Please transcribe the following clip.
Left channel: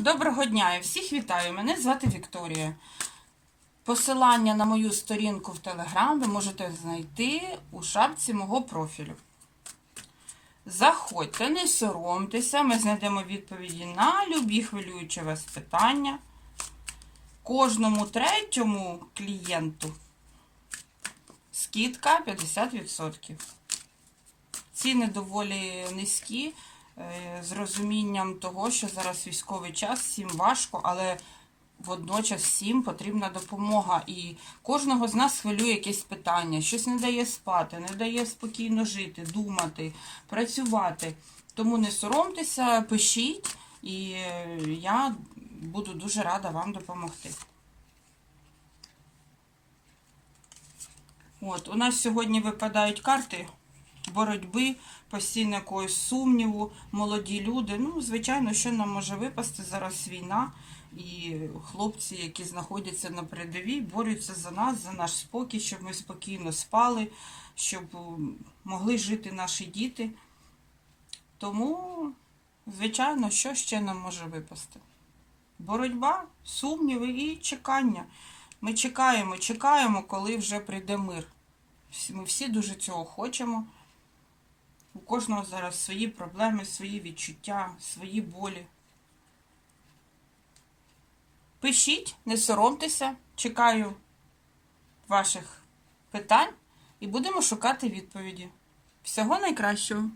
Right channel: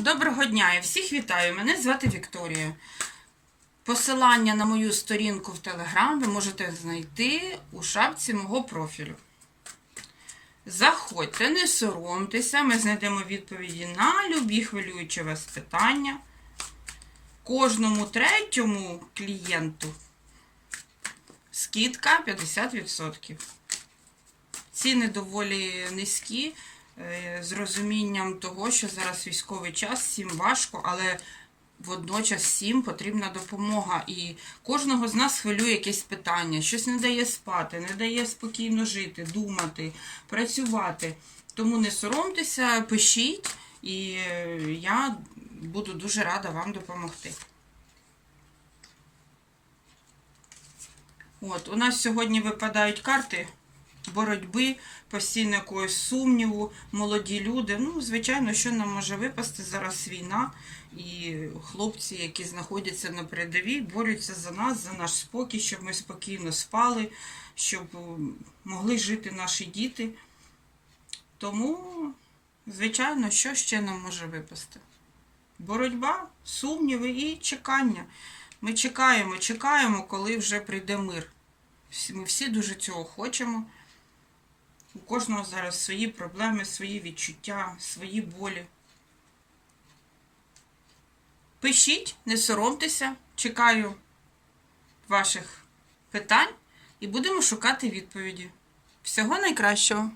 Доброго дня і всіх вітаю! Мене звати Вікторія. Посилання на мою сторінку в Телеграм ви можете знайти у шапці мого профілю. Заходьте, не соромтеся, ми знайдемо відповіді на любі хвилюючі вас питання. Кожному третьому клієнту скидка 50%. Ціни доволі низькі з розумінням того, що зараз військовий час, всім важко, але водночас всім потрібна допомога. І кожного з нас хвилює якесь питання, щось не дає спати, не дає спокійно жити, думати, працювати. Тому не соромтеся, пишіть, і е, я буду дуже рада вам допомогти. От, у нас сьогодні випадають карти боротьби, постійно якогось сумніву, молоді люди. Ну, звичайно, що нам може випасти зараз війна, і хлопці, які знаходяться на передовій, борються за нас, за наш спокій, щоб ми спокійно спали, щоб могли жити наші діти. Тому, звичайно, що ще нам може випасти? Боротьба, сумніви і чекання. Ми чекаємо, чекаємо, коли вже прийде мир. Ми всі дуже цього хочемо. Кожного зараз свої проблеми, свої відчуття, свої болі. Пишіть, не соромтеся, чекаю ваших питань і будемо шукати відповіді. Всього найкращого!